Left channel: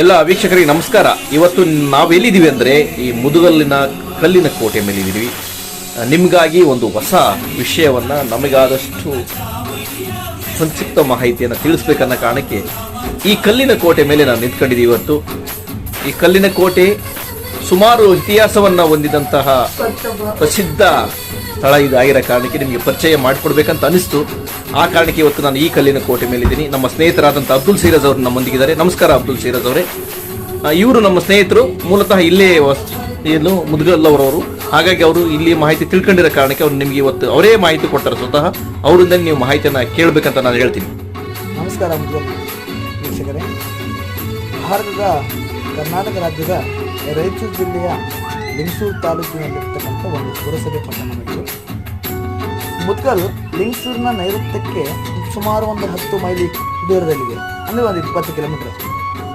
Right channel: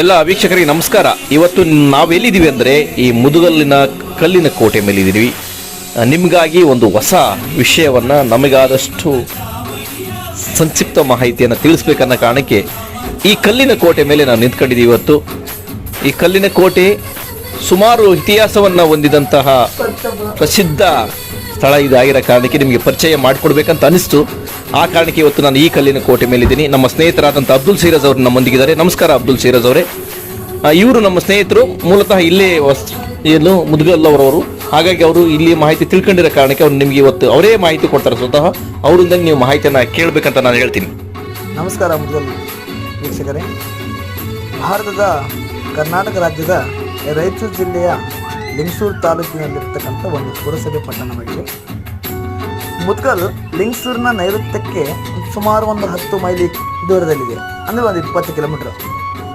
ಎಲ್ಲ ವೀಕ್ಷಕರಿಗೆ ನಮಸ್ಕಾರ. ಇವತ್ತು ನಾವೆಲ್ಲಿದ್ದೀವಿ ಅಂದರೆ ಈ ಮುದುಗಲ್ಲಿನ ಕಲ್ಲಿನ ಕೋಟೆ ಮೇಲೆ ಇದ್ದೀವಿ. ನಿಮಗಾಗಿ ಒಂದು ಹೊಸ ವಿಷಯವನ್ನು ನಮಗಾದಷ್ಟು ಸಂಕ್ಷಿಪ್ತ ಮಾಹಿತಿಯನ್ನು ತಿಳಿಸ್ಬೇಕನ್ನೋ ಕಾರಣಕ್ಕೆ ಈ ಕಲ್ಲಿನ ಕೋಟೆ ಮೇಲೆ ನಾನು ನಿಂತ್ಕೊಂಡಿದ್ದೀವಿ. ಇವತ್ತು ಈ ಕಲ್ಲಿನ ಕೋಟೆ ಸುಮಾರು ಇತಿಹಾಸವನ್ನು ಹೊಂದಿದಂತಹ ಪ್ರಸಿದ್ಧ ಸ್ಥಳ ಇದಾಗಿರೋ ಕಾರಣಕ್ಕೆ ನಿಮಗೆ ಪರಿಚಯ ಮಾಡಿಕೊಡ್ಬೇಕಂತ ಅನಿಸ್ತು. ಆ ಕಾರಣಕ್ಕೆ ಇವತ್ತು ನಾನು ಈ ಕಲ್ಲಿನ ಕೋಟೆ ಮೇಲಿದ್ದೀನಿ. ನಮ್ಮ ಸ್ನೇಹಿತರಾದಂಥ ಅಬ್ದುಲ್ ಸೀರಜ್ ಅವರು ನಮ್ಮೊಂದಿಗಿದ್ದಾರೆ. ನಮಸ್ಕಾರ ಅಬ್ದುಲ್ ಸೀರಜ್ ಅವರೇ. ಇವರು ನಮ್ಮ ಸ್ನೇಹಿತರು, ಮೂಲತಃ ಇಲ್ಲೇ ಏನು ಮುದುಗಲ್ಲವರವರು. ಹಾಗಾಗಿ ಅವರು ಇಲ್ಲಿ ಮಾಹಿತಿ ತಿಳ್ಕೊಂಡಿರೋ ಕಾರಣಕ್ಕೆ ಅವ್ರು ನಿಮಗೆ ಇವತ್ತು ಅವರೇ ಮಾಹಿತಿ ಕೊಡ್ತಾರೆ. ಸ್ವತಃ ಅವರಿಂದ ನೀವು ಮಾಹಿತಿಯನ್ನು ಕೇಳಬೇಕಂತ ನಾನು ಹೇಳ್ತೀನಿ. ನಮಸ್ಕಾರ ಮುದುಗಲ್ ವೀಕ್ಷಕರೇ. ಭಾರತದ ಕರ್ನಾಟಕ ರಾಜ್ಯದ ರಾಯಚೂರು ಜಿಲ್ಲೆಯ ಲಿಂಗಸೂರು ತಾಲೂಕಿನಲ್ಲಿರ್ತಕ್ಕಂಥ ಒಂದು ಪುರಸಭೆ ಪಟ್ಟಣವಿದೆ. ಮುದ್ಗಲ್ ಲಿಂಗಸೂರಿನ ನೈಋತ್ಯಕ್ಕೆ ಸುಮಾರು ಒಂದು 10 ಮೈಲಿ ದೂರದಲ್ಲಿದೆ, ಅಂದರೆ ಒಂದು 20 ಕಿಲೋಮೀಟರ್.